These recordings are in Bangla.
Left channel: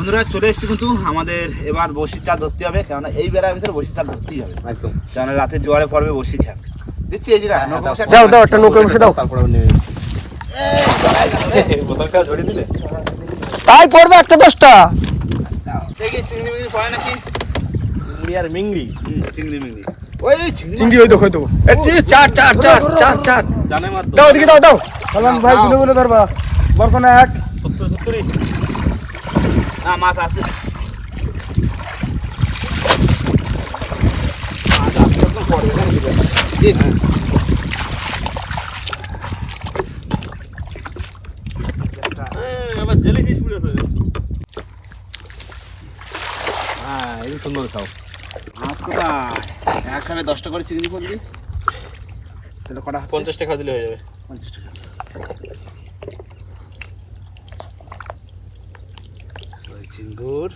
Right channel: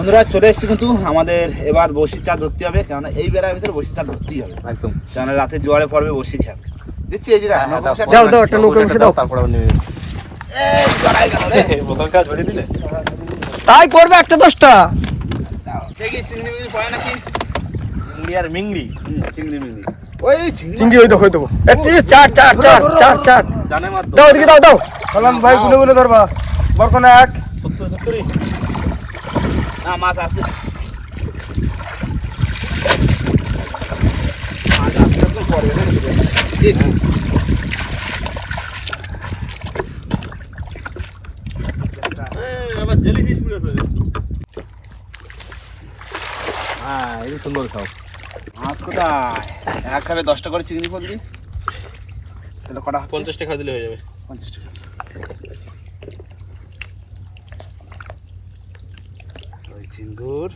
বন্ধুরা চলে এসেছি কিন্তু আমাদের এবার বসির চাল ধরতে হবে কেননা এই বেলার ভিতরে বসির চাল ধরতেই হবে। একদম। কেননা রাতে জোয়ারে পড়বে বসি খেয়াল। দিচ্ছি এই জায়গায় হ্যাঁ, দাও, দাও, একটা বসে দাও। তারপর তাই করবে একটা দশটা। দেখি চিংড়ি মিংড়ি পড়ে নাকি? চিংড়ি আর মিংড়ি? চিংড়ি মিংড়ি। ওই চিংড়ি হইতো চার চার চার চার চার। জানে মার দাও এদিকে দাও দাও। সালাম ভাই গুলো গুলো ধরবা বরকনা এক সত্তর সত্তরই না মাছ আছে মাছ আসলে তো পড়বে না কিছু ঠিক হ্যাঁ এই সুন্দর খাও। মাছ কোথায় এক খাবে দশটা করে চিংড়ি করবি? তাহলে কটা পঞ্চাশ টাকা দিলে হয়ে যাবে। পঞ্চাশ টাকা। চিঙ্গুর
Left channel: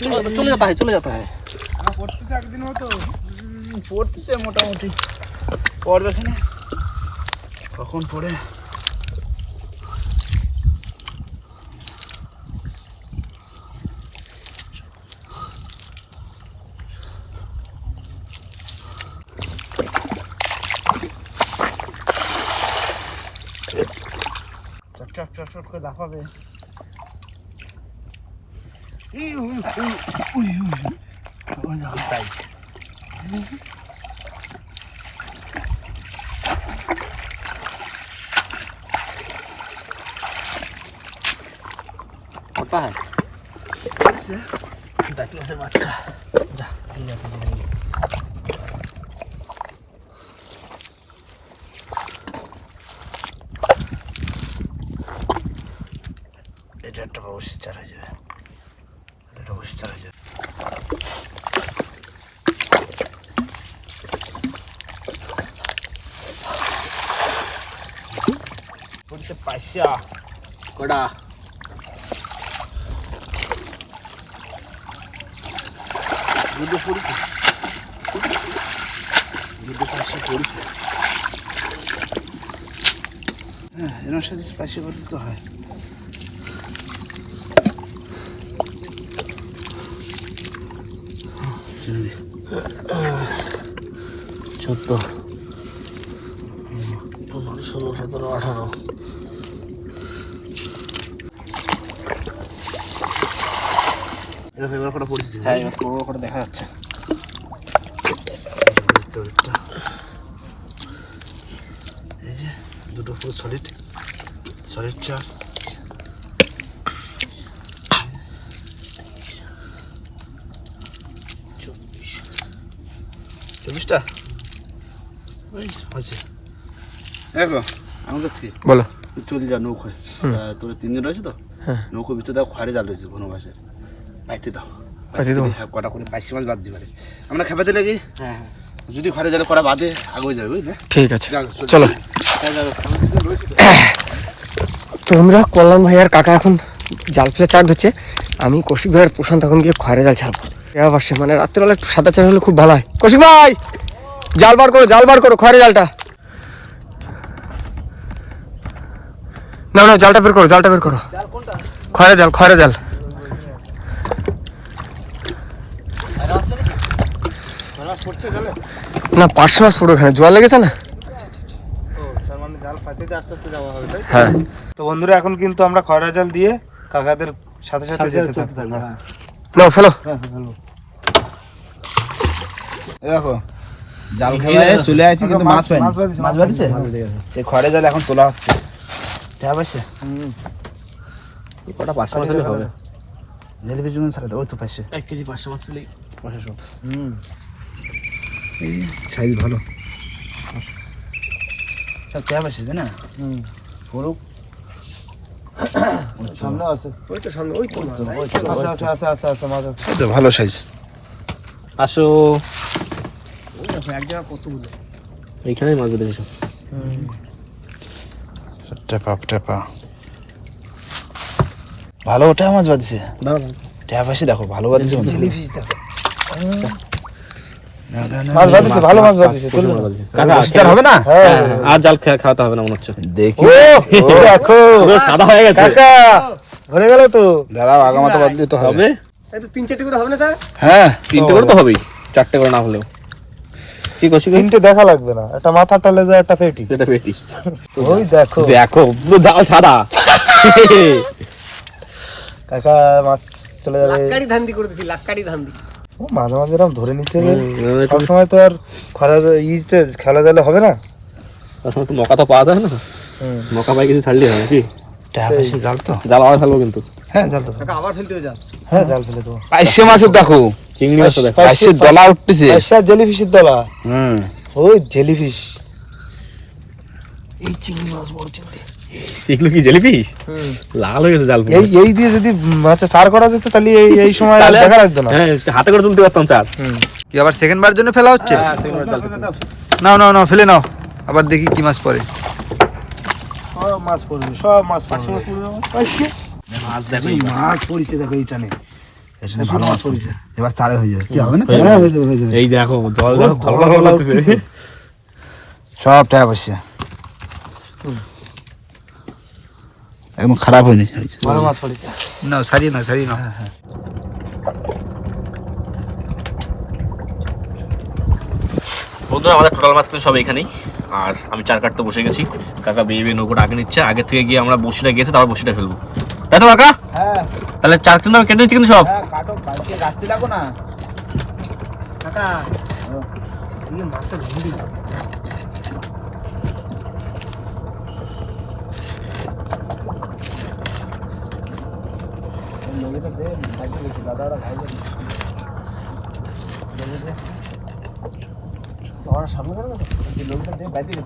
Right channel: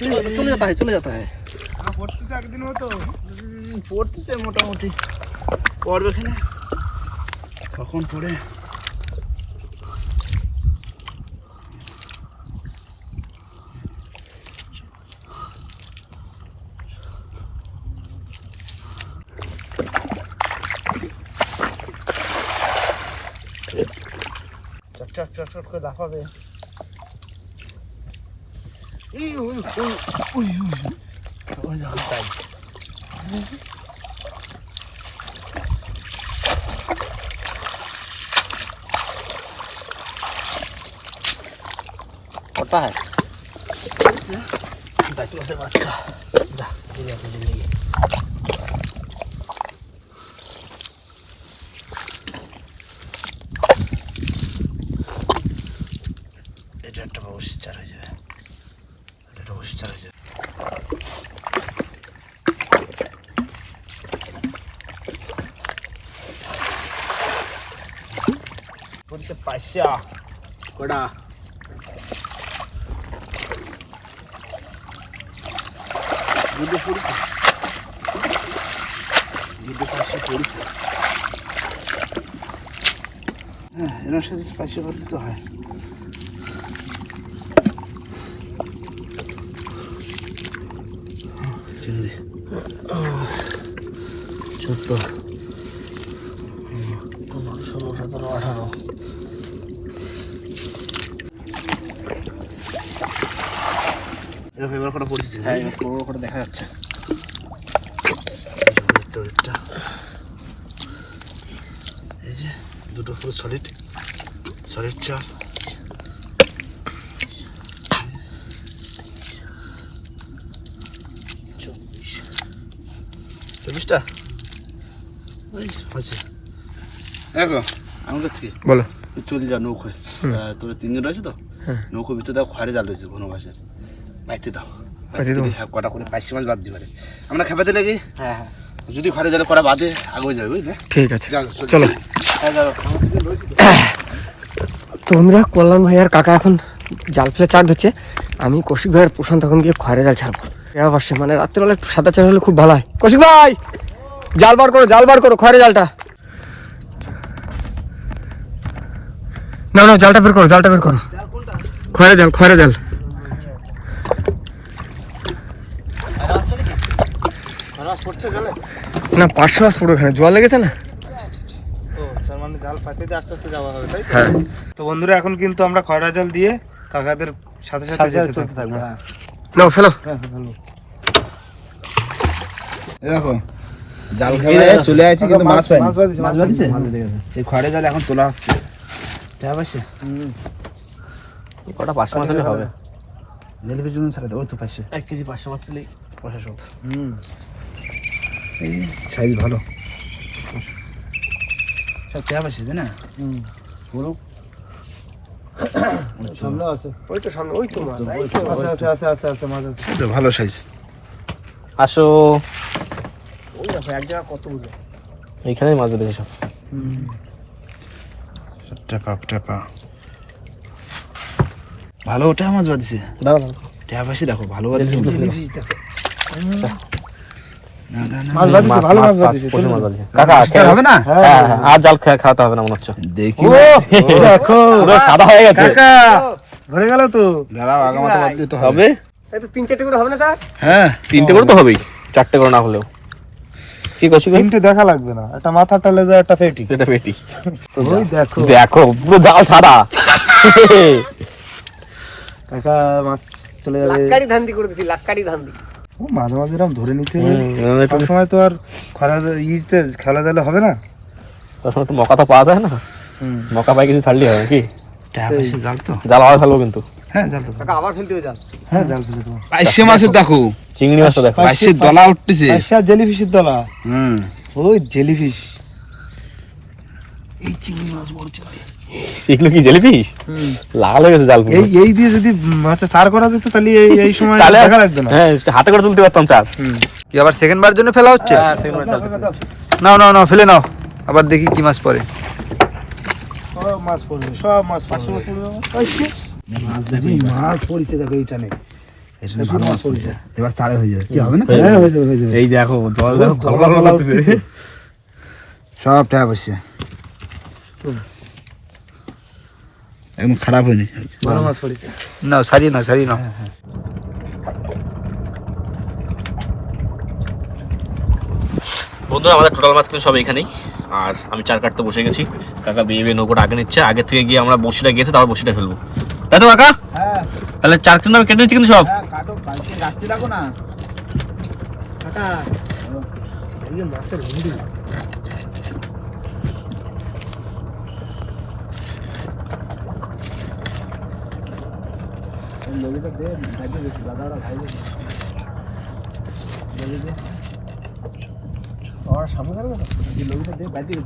চলে যেতে হয় চলে যেতে হয় পড়তেছে মোটামুটি। পড়বে এখানে। কখন পড়ে? চট চট করে লাফাবে এই উই উই উই উই ওই দেখো সাইজ কটা হয় এটা একটা বসে চার হয়ে যাবে এটা বসে চার হয়ে যাবে পয়সা কটা? দুটো পড়েছে? দুটো পাশে পড়েছে। হ্যাঁ এনার সাথে স্পাইসি করলে তো হয়। চিংড়ি চোদ্দ পনেরো ষোলো সতেরো আঠারো দেখো এবার কটা পড়েছে হ্যাঁ এবার করে দেখা যাচ্ছে। এই যে দুটো পুরো সলিড সলিড চার চব্বিশ চব্বিশটা ওই হচ্ছে দেখো কাছে বলো। তুই চলে যা নৌকোয়। তোর তিনজন রয়েছে তো? হ্যাঁ। নৌকো ভিতরে দাও খড়ে জাল রয়েছে ঘন মাসের পাইতে দাও। কটা করে পাইশি মাছ বাদ দিবারে। আমরা খেপাতে লাগি? হ্যাঁ হ্যাঁ। যদি ঘরে কটা বাদে আগে যাবে বুঝলে? ঠিক আছে। চলো। হ্যাঁ, যাও, তো বন্ধুরা কল্যাণ ভাই আর কাকা এখন জাল ফেলে চার ধরছে। আমি কৌশিক ভাইয়ের প্রশান্ত এখন গিয়ে খয়রে জাল ছাড়বো। এবার সে মানে রাত্রেবেলা একটু সাদা চার হলে খুব ভালো হয়। কৌশিক ভাই! জাল বার করো জাল বার করো খয়রে জালটা। না না জালটা বের করো জালটা বের করো। খয়রে জাল খয়রে জাল পড়ছে জালে না পাঁচশো মাছ পুরো এখানে জল লেগেছে না? ও মানে জাল পাতিতে আস্তে আস্তে যাওয়া হবে তাই হ্যাঁ। তো বন্ধুরা এখন কিন্তু আমরা খয়রা জাল দিয়ে কাকাদের সাথে সাথে যেতে থাকব। হ্যাঁ নাও ফেলো। হ্যাঁ দেখো জাল খেলে চলে আসছি কিন্তু মাছ পাইনি। মাছ সেই জাল এখন তোলা হচ্ছে। ঠিক আছে কটা পাঁচশো মাছ হলে হবে। জেলিপি জন্য ছাড়া ওই তো পাশে এক কেজি পাঁচশো মাছ পেলেই পয়সা শোধ। হুম। সাইজ ভালো। সব কেয়া পাশে তাই না? হুম। সামনে আছে। ওই তো সামনে ওই তো আছে আছে আছে আছে আছে মাছ আছে ভালো সাইজ। আসো। এইখানেই মাছ বেঁধেছে সব। টেপা টেপা ভালো ওটা মাছ বাঁধছে। দাঁড়া ট্যাপ আসি দেখো ভালো বাঁধছে। ভালো মাছ। কাকা হবে না হ্যাঁ। আর জাল খাওয়াতে হবে না মনে হচ্ছে। দেখি। দেখো। সাদা হয়ে গেছে। কাকা ভরে গেল তো। দাঁড়াও আগামাতে বাদ দিতে হবে। হবে এই তো তিন চারটে করে হবে না হ্যাঁ। তিনটে করে তো হবেই চারটে করে না হলেও। কি করছি তিনটে দেখা লাগবে না। একটা মাথাটা লেজা একটা পেটি। এটা পেটি। ওই দেখো। দেখো পুরো জাল সাদা। কাকা মাছ চলে যাবে। লাক্কাড়ি ধান্দি করে দিছি লাক্কাড়ি ধান্দি। ও মাঝে মাঝে এরকম ধরে নিতে সবসময় তো আর খরা ইজতে খেলা জালে হবে না? তার তো মকা তো পাওয়া যায় না। হুম। মকা পাই কিছু ছাড়লি হয় কি জাল তো। জাল আবার ফেলব কিন্তু। হ্যাঁ জাল তো আবার ফেলতে হ্যাঁ জাল ফেলে পাইসে মাছের দেখো চিংড়ি মাছটা দেখো। পাইসে দলা উঠতেছে। জেলিফিশের দলা। হুম। ওই জেলিফিশ। এগুলো কি লাল হয়ে গেছে জাল এই এই দিয়ে যদি মাছে চার করা যেত তাহলে এই এই সময় তাহলে দেখা লাগতো না। হ্যাঁ হাতে করে তুলতে পারতাম চার কি আবার সেকেন্ড বার জন্য ফেলা হচ্ছে? নাও নাও নাও ফেলে নাও। আবার দেখি কি মাছ পড়ে। সব মাছ পড়বে সব মাছ পড়বে। মাছ দেখো মাছ। পড়িছে দেখো এইটা নেই ভালো মাছ পড়েছে। এবার চারে হয়ে যাবে। কি হবে না হ্যাঁ হয়ে যাবে হয়ে যাবে। এই দেখো জল দেখো খলখল করতেছে সব টাকা পয়সা একদম খারাপ হয়নি। ভালো মাছ পড়িছে। নাও সারিয়ে নাও। সারিয়ে নাও বন্ধুরা আমাদের টোটাল মাছ কিন্তু সব এখানেই আর আমি চার কাটতে বসে গেছি। কাকা বিয়ে বিয়ে নৌকোটা আগে নিচ্ছে। আগে থেকে গিয়ে আমরা বসিটা গেছে তারপর বসিটা ফেলব। তাই তো কাকা হ্যাঁ। তাহলে চার কিন্তু আমি কেটে নিচ্ছি কিন্তু সব। কাটো কালকে রাস্তি লাগো না কাকা এই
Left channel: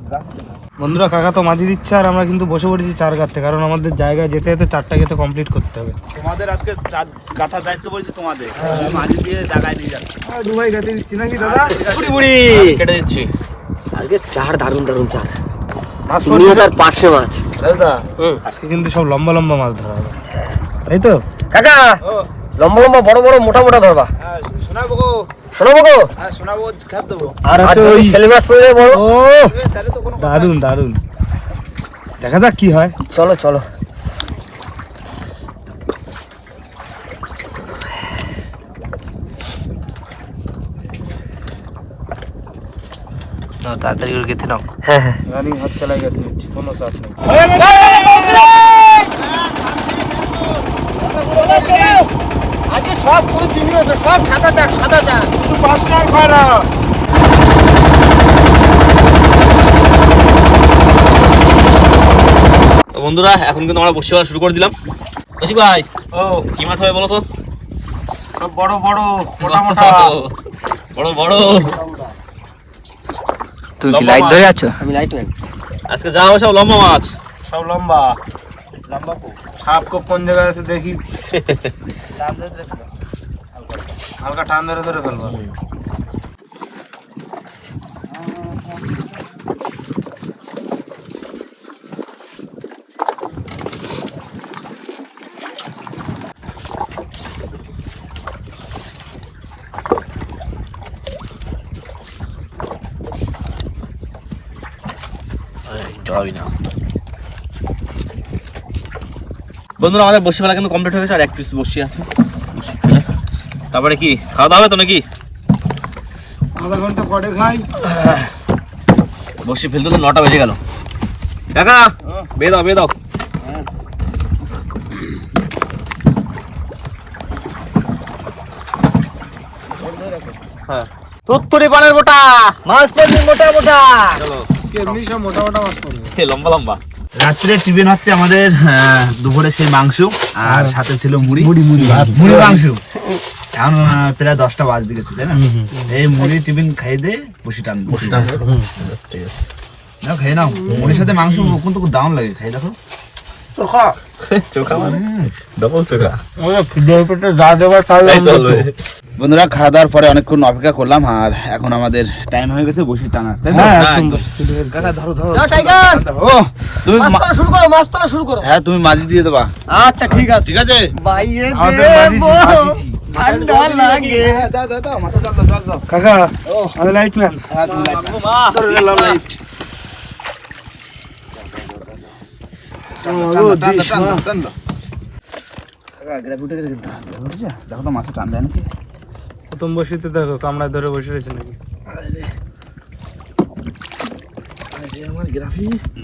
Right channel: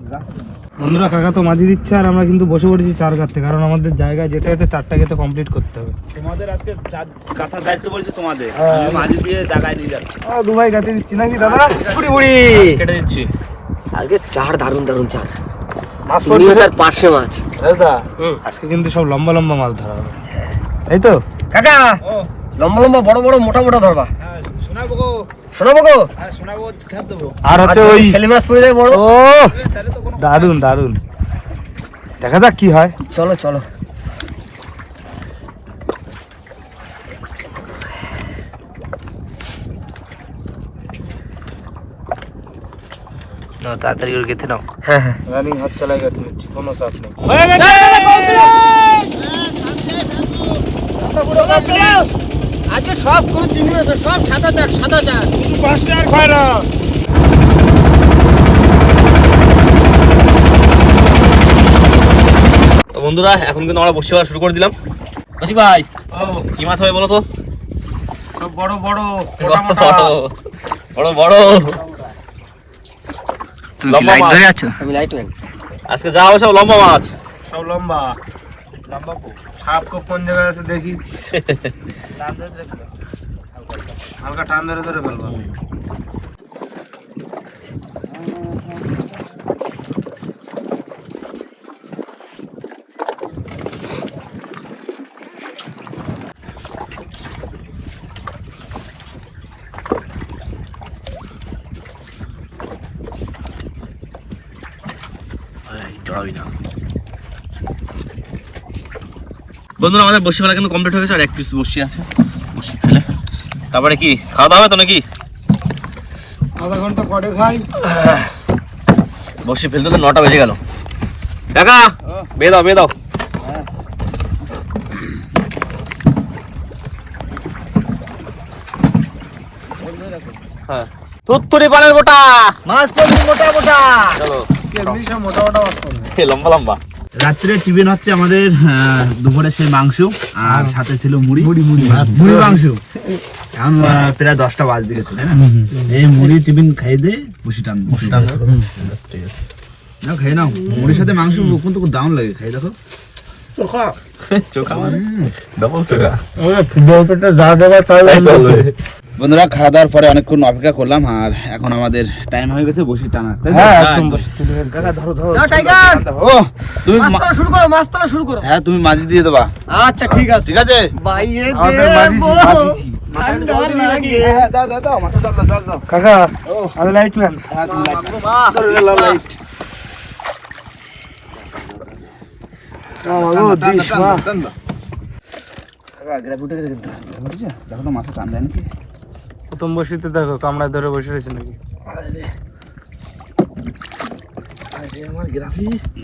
বন্ধুরা কাকা তো মাঝি দিচ্ছে আর আমরা কিন্তু বসে পড়েছি চার কাটতে কারণ আমাদের জায়গায় যেতে যেতে চারটা গেতে কমপ্লিট করতে হবে। তোমাদের আজকে কথা দায়িত্ব বলছি তোমাদের। মাঝে দিয়ে জায়গায় নিয়ে যাচ্ছে। দু ভাই কাটে দিচ্ছি নাকি দাদা? উড়ি উড়ি। কেটে দিচ্ছি। আজকে চার দারুণ দারুণ চার মাছ চিংড়ি মাছ। আজকে কিন্তু সব লম্বা লম্বা মাছ ধরা হবে। তাই তো? কাকা লম্বা লম্বা বড় বড় মোটা মোটা ধরবা। শোনাবো গো? শোনাবো গো হ্যাঁ শোনাবো খাপ দেবো আর হচ্ছে ওই বড় ও দারুণ দারুণ দেখা যাক কি হয়। চলো চলো। তাড়াতাড়ি করে গেঁথে নাও। হ্যাঁ হ্যাঁ। হচ্ছে না গেছে কোনো চাপ নেই আজকে না, সব সাদা চার সাদা চার শুধু পাঁচটা আর খয়রা তো বন্ধুরা এখন কিন্তু আমরা বসে শুরু করে দিলাম। কৌশিক ভাই ও। কি মাছ হবে বলো তো? সব বড় বড় মোটা মোটা। বড় বড় তুমি কি লাইট ধরে আছো? আমি লাইটম্যান। আজকে যা হবে সব লম্বা মাছ। সব লম্বা। লম্বা সাপ কো কোন জায়গায় আছে দেখি। হালকা টান ধরে ধরে ফেলব। বন্ধুরা আমাদের বসি ফেলা কিন্তু কমপ্লিট হয়ে গেছে আর এক পিস বসি আছে। তারপরে কি? খাওয়া দাওয়া হবে তো নাকি? আধা ঘণ্টা পরে খাই। বসি ফেলতে তো নটা বেজে গেল। কাকা বে দাও দাও। হ্যাঁ। তুত্তুরি পানের গোটা মাছ পড়বে মোটা মোটা। চলো। এমনি সব মোটা মোটা মাছ পড়বে। লম্বা লম্বা। রাত্রে টিফিন হচ্ছে আমাদের দুপুরে সেই মাংস আর সাথে ছিল মুড়ি। মুড়ি মুড়ি। মুড়ি মাংস। এখন প্রায় দশটা বাজতে গেছে তাই না? এই মুড়ি টিফিন খেয়ে দে বসি টান বসি টান না খেয়ে নাও। মুড়ির সাথে মাংস কিন্তু দাম লাগে খাই দেখো। চোখা। চলবে। বন্ধুরা খাওয়া দাওয়ার পরে অনেকক্ষণ অপেক্ষা করলাম আর এখন আমাদের টাইম হয়ে গেছে বসি টানার? হ্যাঁ একদম একদম। বসে তুলে ফেল। কাকা ধরো ধরো। না, টাইগার! ও তুমি মাছ শুরু করো মাছ শুরু করো। হ্যাঁ তুমি মাঝি দিয়ে দেবা। আচ্ছা ঠিক আছে। ঠিক আছে? ঠান্ডা লাগে। হ্যাঁ, কাকা আমি লাইট ম্যান হ্যাঁ লাইট। দেখো তো মাছে টান দেয় নাকি? প্রথম বসিতে দেখো কামড়া ধরে বসে রয়েছে নাকি?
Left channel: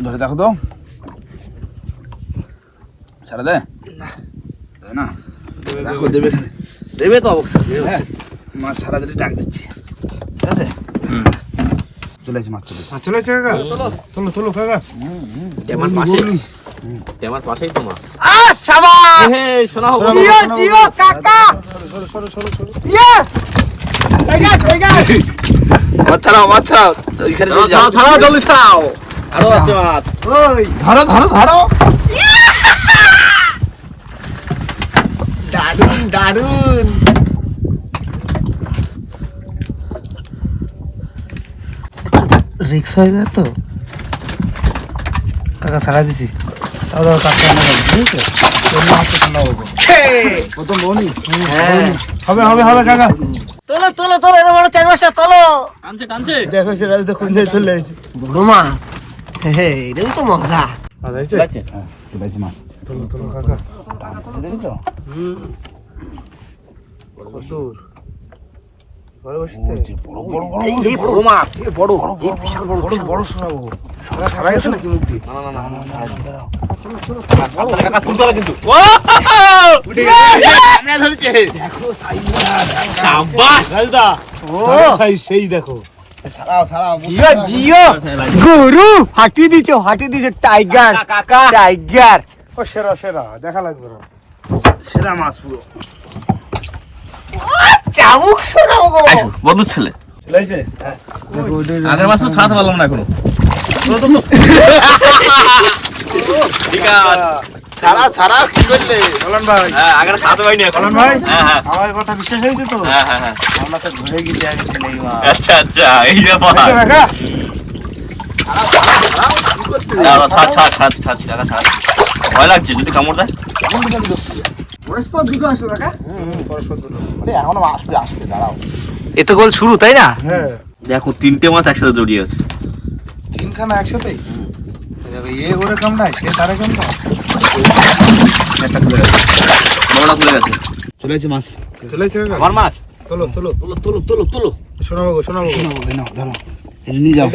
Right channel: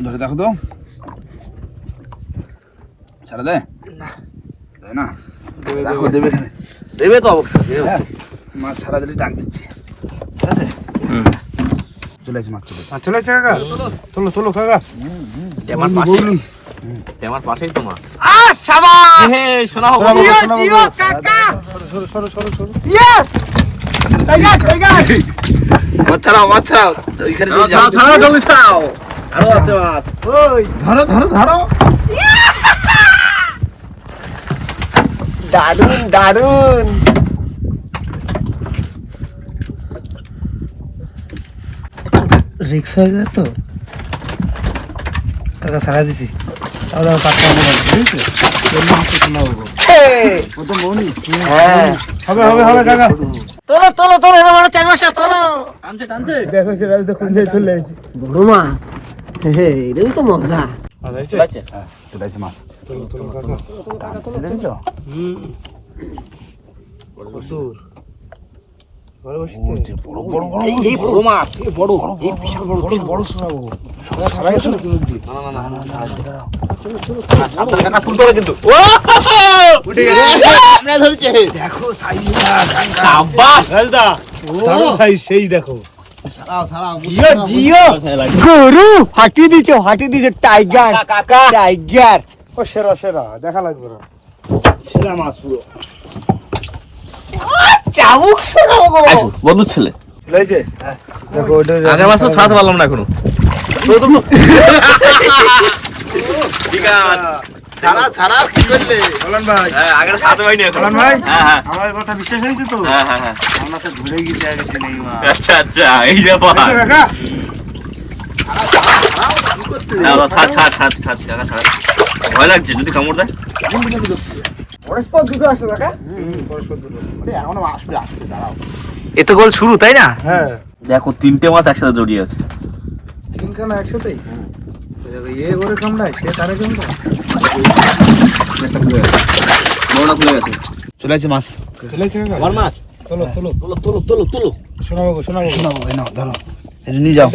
ধরে দেখো তো। ছাড়া দেয়? না। দেখো দেবে। দেবে তো অবশ্যই। হ্যাঁ মাছ সারা দিলে ডাক দিচ্ছে। ঠিক আছে? চলে আসি মাছ চলে মাছ চলে এসেছে কাকা। তোলো তোলো কাকা। আমার পাশেই। আমার পাশেই তো মাছ। হে শোনা হোক সরো সরো সরো মাছ ছাড়াও মাছ ছাড়াও ওইখানে চলে যাও। ছাড়াও জলদি ছাড়াও আরও আছে মাছ ধরো ধরো ধরো দারুণ দারুণ রিক্স হয়ে যায় তো? কাকা ছাড়া দিছি। তাও দাও চারটা দাও। বুঝছ হবে হবে হবে কাকা। তোলো তোলো তোলো এরকম বড় চার পাঁচটা তোলো। টানছে টানছে। দেখো সেটা তো কোন দিকে চলে আসছে। বড় মাছ। হে এরকম তো মজা। হ্যাঁ, চলে আসি মাছ। তোলো তোলো কাকা দেখো ছাড়াও জিও জিও গরু হাঁটি দিছে হাঁটি দিছে টাইগার টাইগার ও সেরা সেরা। দেখা লাগবে সেরা মাছ পুরো। চাবুক শোনাবো গো। বন্ধুর ছেলে। চলে আসছে দেখো ওটা আগের মাছ ছাড়াতে পারলাম না এখনও। ঠিক আছে। ছাড়াও ছাড়াও কি করলে? বললাম ভাই। হ্যাঁ আগের ছাড়াতে পারিনি এখন। বললাম ভাই। হ্যাঁ হ্যাঁ। আমার কথা বিশ্বাস হয়েছে তো? হ্যাঁ হ্যাঁ হ্যাঁ। আমরা ধরে গেছি আগে। আচ্ছা আচ্ছা এই দেখো না না ছাড় ছাড় ছাড় ছাড় ছাড় ছাড়। ভয় লাগছে যদি কামড় দেয়। পরস্পর দুটো আসলো কাকা এখনও আসবে আসবে দাঁড়াও এ তো গোল শুরু তাই না? হ্যাঁ। দেখো তিনটে মাছ একসাথে জড়িয়ে আছে। তিনখানা একসাথেই? এই দেখো এ ওরে কামড়ায় সে তারে কামড়ায়। একটা খুলে গেছে। বড়টা খুলে গেছে। চলে মাছ। চলে আমার মাছ? তোলো তোলো। তোলো তোলো তোলো তোলো। শোনাবো গো ধরো। নিয়ে যাও।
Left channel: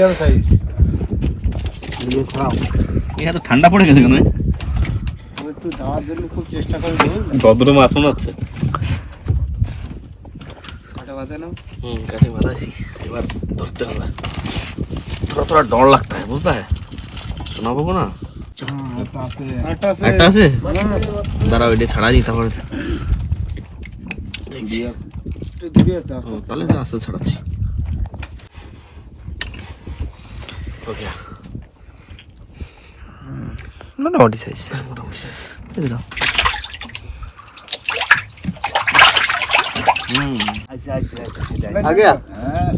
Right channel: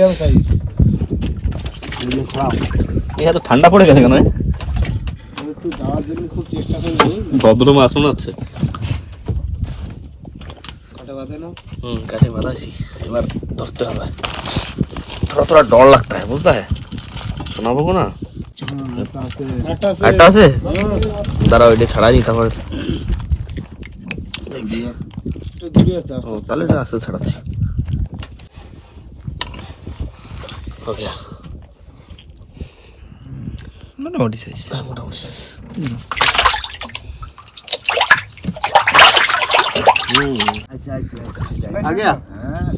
নিয়ে ঠান্ডা পড়ে গেছে কেন একটু যাওয়ার জন্য খুব চেষ্টা করি ভদ্র মাছ মনে হচ্ছে। কাটা হুম কাছে বাঁধাইছি। এবার ধরতে হবে। থোড়া থোড়া ডর লাগতা है বুঝতে है শোনাবো না একটা আছে। আছে। দাঁড়াও এটা ছাড়া নি তারপর। তাহলে আস্তে ছাড়াচ্ছি। ওকে। মোটামুটি সাইজ মোটামুটি সাইজ আইসে আইসে আইসে সেটাই আগে হ্যাঁ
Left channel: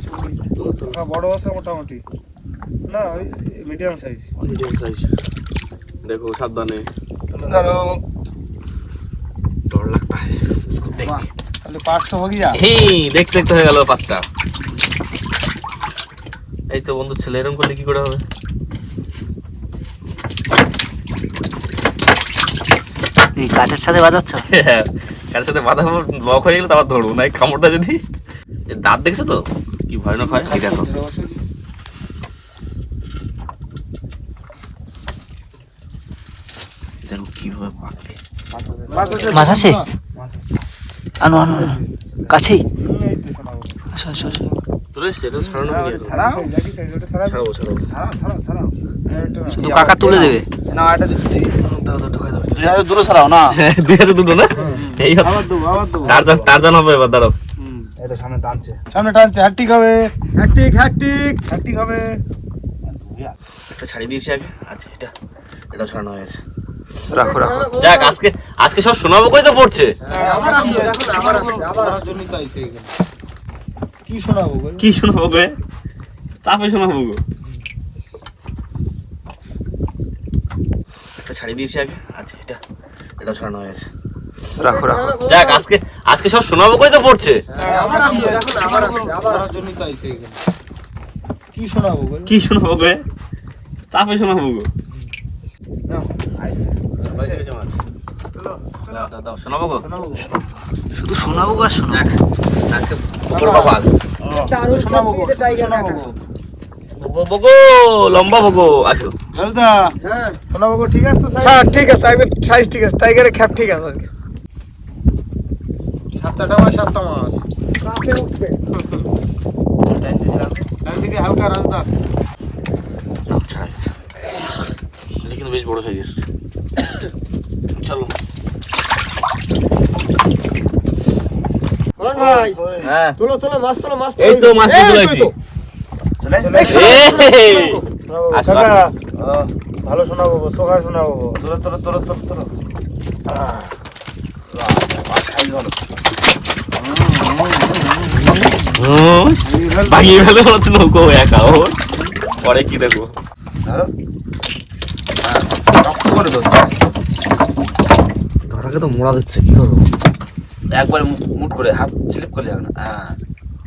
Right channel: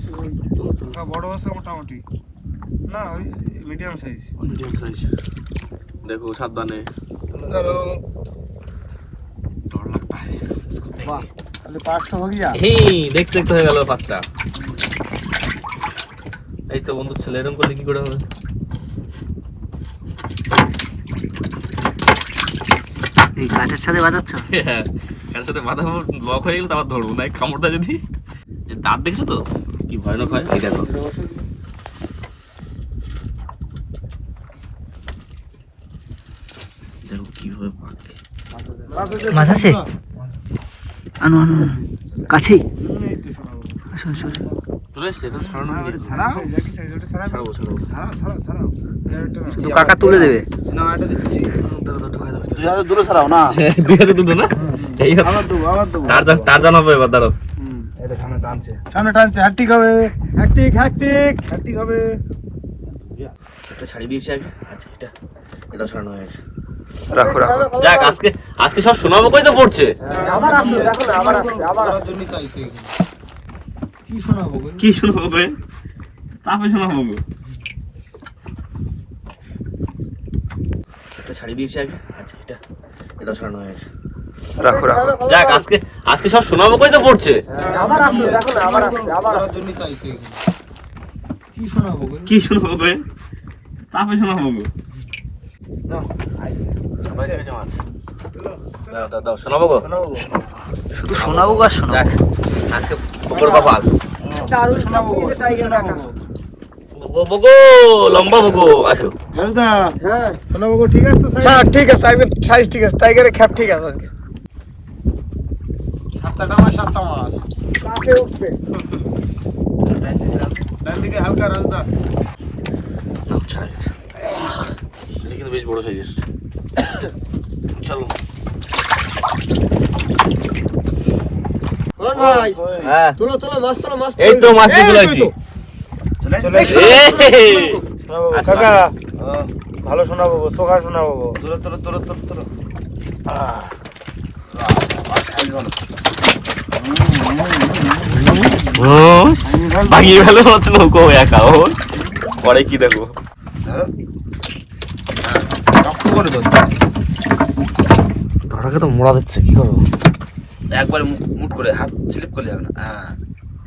কাকা বড় আছে মোটামুটি না ওই মিডিয়াম সাইজ মিডিয়াম সাইজ দেখো সাবধানে ধরো डर लगता है इसको देख তাহলে পাঁচটা হয়ে গিয়া হি দেখতে দেখতে হয়ে গেল পাঁচটা এই তো বন্ধু ছেলে এরকম করলে কি করে হবে কাঠের সাথে বাজাচ্ছ? হ্যাঁ, কার সাথে মাথা লক হয়ে গেলে তারপর ধরবো না এই কামড়টা যদি দাঁত দেখছ তো? কি ভয়ানক হয়। এই দেখো। দেখো কীভাবে পাকে মাছ আছে? আনো আনো আনো। কাছেই। আসো আসো আসো। এটা হয়ে শুধু কাকা তুলে দেবে? না এটা দিচ্ছি। এটা দূরে না? দুই হাতে দুটো না? এই টারজান টারজান হবে এবার দাঁড়াও। এটা সামনে টানছে। সামনে টানছে হ্যাট্টিক হবে। ছাড়িয়ে দিয়েছি আগে। আচ্ছা এটা এটা ছাড়ানো হয়েছে রাখো রাখো। যাক আজকে আজকে সব শোনাবো কই তো পড়ছে? আবার আসলো দেখো না আবার আবার জন্য তো আইছে এখানে। কি শোনাবো গো? কি শোনাবো? গে চাপে শোনাবো গো। একটা ছাড়িয়ে দিয়েছি আগে। আচ্ছা এটা এটা ছাড়ানো হয়েছে রাখো রাখো। যাক আজকে আজকে সব শোনাবো কই তো পড়ছে? আবার আসলো দেখো না আবার আসলো আবার আমার জন্য তো আইছে কি শোনাবো গো? কি শোনাবো গে চাপে শোনাবো গো। শোনাবো গো শোনাবো গো? শুধু শোনাবো আর শোনাবো বকর কপাল। বগো বগো লম্বা বগো আসো। হ্যাঁ। শোনাবো গো, ঠিক আছে? হ্যাঁ ঠিক আছে একদম সাইজ ঠিক আছে টাইগারের খ্যাপ ঠিক আছে আজকে। সাতটা মাস সাতটা মাস উঠবে। ডান হালকা রাস্তা। নাম ছাড়া গেছে। কিন্তু বেশ বড় সাইজের চলো। ভাই। হ্যাঁ। তোলো তোলো মাছ তোলো মাছ এই তো মাছ চলে এই আসছি তো। এই শোনাবো গো, আসো, কাকা, ও, ভালো শোনাবো গো, শোনাবো তোলো তোলো তোলো তোলো তোলো। ভাঙিয়ে ফেলে হচ্ছে নৌকো একা ও। পরে কি দেখব ধরো শক্ত করে ধরো। ধরাকে তো মোড়া দিচ্ছে কি করব? একবার মু- মুট করে হাত স্লিপ করলে হবে না। হ্যাঁ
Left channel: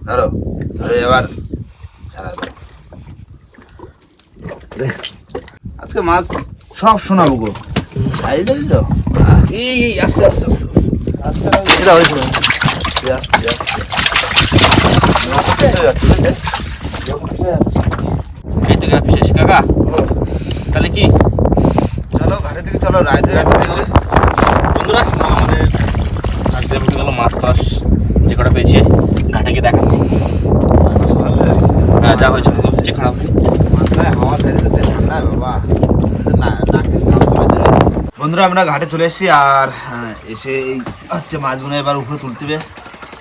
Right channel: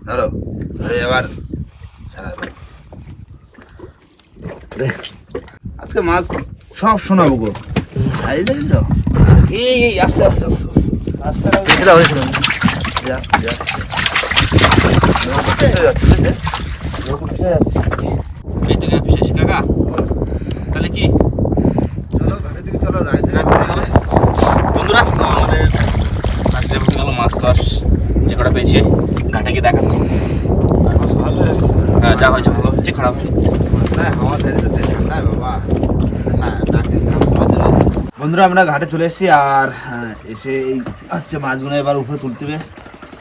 ধরো ধরে এবার আজকে মাছ সব শোনাবো গো। এই দেখি তো। এই এই আস্তে আস্তে আস্তে আস্তে। এটা হয়েছিল আস্তে আস্তে আস্তে আস্তে যাচ্ছে, বুঝলে? এই তো গ্যাপ শেষ কাকা। তাহলে কি? চলো ঘাটের দিকে চলো রায় বুঝলে? বন্ধুরা আমাদের আজকে আমি গেল মাছ যে কটা পেয়েছি ঘাটে গিয়ে দেখাচ্ছি। হ্যাঁ যা হয়েছে ভালো হয়েছে খারাপ। না-। বন্ধুরা আমরা ঘাটে চলে এসেছি আর হ্যাঁ, এসে এই হচ্ছে মাছগুলো এবার উপরে তুলতে হবে।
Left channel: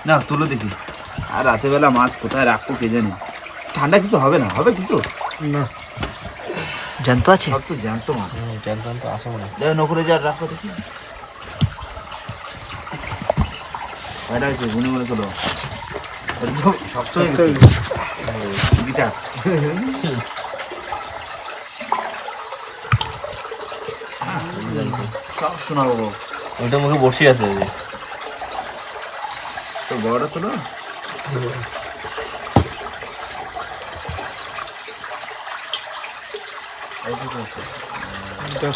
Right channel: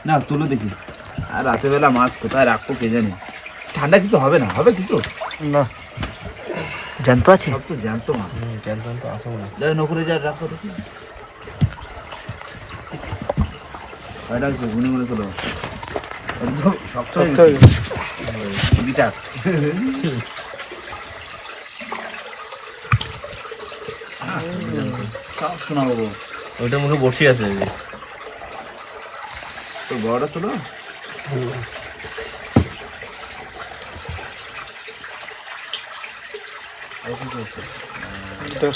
না তুলো দেখি। আর রাতের বেলা মাছ কোথায় রাখব কে জানি? ঠান্ডা কিছু হবে না হবে কিছু? না। জানতো আছে? সব তো জ্যান্ত মাছ। দেখো নকুরে যা রাখো দেখি। কয়টা আছে গুনে গুনে তো শক্ত হয়ে গেছে। গিটার। সব শোনাবো ওইটা মুখে বসে আছে তো বড়টা তোলো?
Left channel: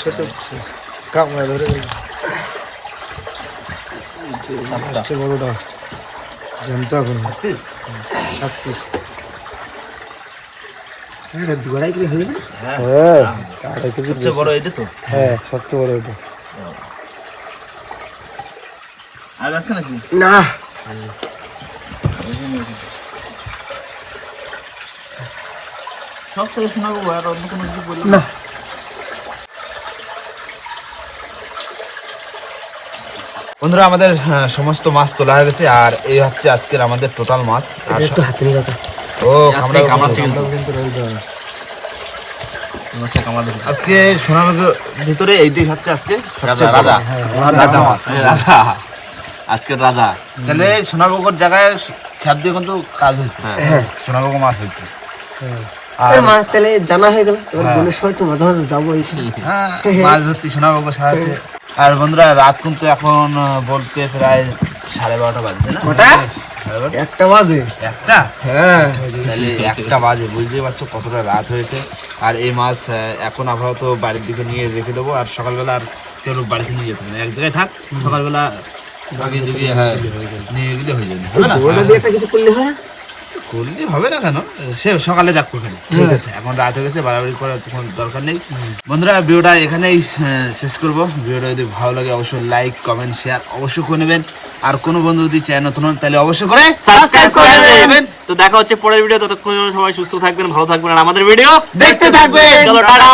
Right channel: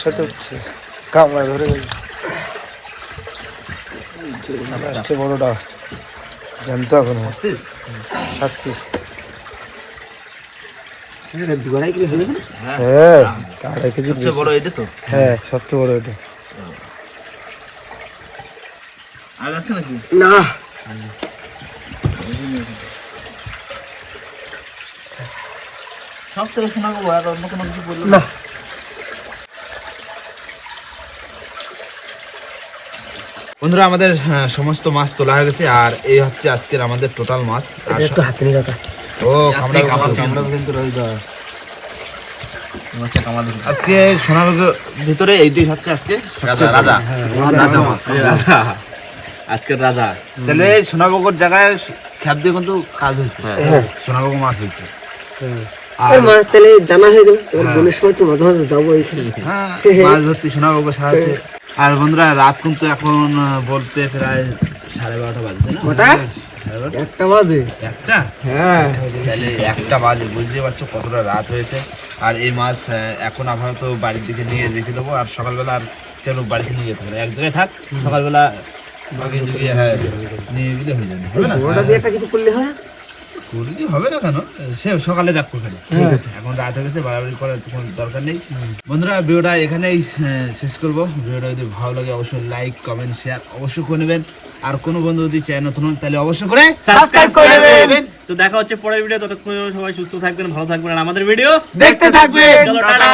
সাথে উঠছে। কামড়া ধরে আসছে বড়টা জানতো এখন সাত piece? সাত পিস দুয়ারাই কিলো হয়ে যাবে হ্যাঁ। হ্যাঁ। আড়াই কেজি সবচেয়ে বড় এটা তো? হ্যাঁ সবচেয়ে বড় ওটা আর আছে নাকি? না। সব থেকে শোনাবো আর অন্য কোনো কিছু বলল না। বন্ধুরা আমাদের হ্যাঁ, সমস্ত মাছ তোলা হয়ে গেছে আর এই হচ্ছে আজকের আমাদের টোটাল মাছ। একটু হাতে নিয়ে কাকা ও কিন্তু দেখি আজকে সোনার ভিতরে এইটাই হচ্ছে আজকে রাজা রাজা। রাজা মাছ। রাজা। আজকের রাজা। তাহলে সোনাবগর জায়গায় খ্যাপ দিয়ে কিন্তু কাজ হয়েছে। হ্যাঁ। সোনাবগ মাছ হয়েছে। আর মাছ তাহলে জানা হয়ে গেল। এবার বোনের সময় তো মাঝে মাঝে যাব এইখানে। হ্যাঁ, মাছ ধরতে সোনাবগ সাহায্যে। আর বন্ধুরা রাত কিন্তু এখন বলতে প্রায় সাড়ে বারোটা বাজছে না? বারোটা? একটা বাজে? একটা? হ্যাঁ। তাহলে একটা বাজে বুঝতেই পারছ কতটা রাত হয়েছে। আর এই মাছ এখন আপাতত বাড়ির দিকে নিয়ে রেখে দেবো আর সকালবেলা আর কেন বাড়িতে নিয়ে যেতে হবে এক জায়গায় থাক সকালবেলা আগে যদি হ্যাঁ নিয়ে গেলে হয়ে যাবে না? ওটা দিয়ে একটা কিছু করলে হয়? করলে হবে না কেন? সে সকালে দেখব এখানে ঠিক আছে। এখন রাত হয়ে গেছে বাড়াবাড়ি করার কোনো দরকার নেই। বন্ধুরা ভিডিওটা এখানেই আহ, শেষ করব। ভিডিওটা যদি ভালো লাগে অবশ্যই লাইক কমেন্ট শেয়ার অবশ্যই করে নেবেন। আর কোনো বন্ধু যদি চায় নতুন হন তাহলে অবশ্যই করে সাবস্ক্রাইব করে নেবেন। তো দেখা হচ্ছে পরের ভিডিও ততক্ষণ সবাই সুস্থ থাকবেন ভালো থাকবেন। আর আমাদের ভিডিও দেখতে থাকবেন। চলো টাটা।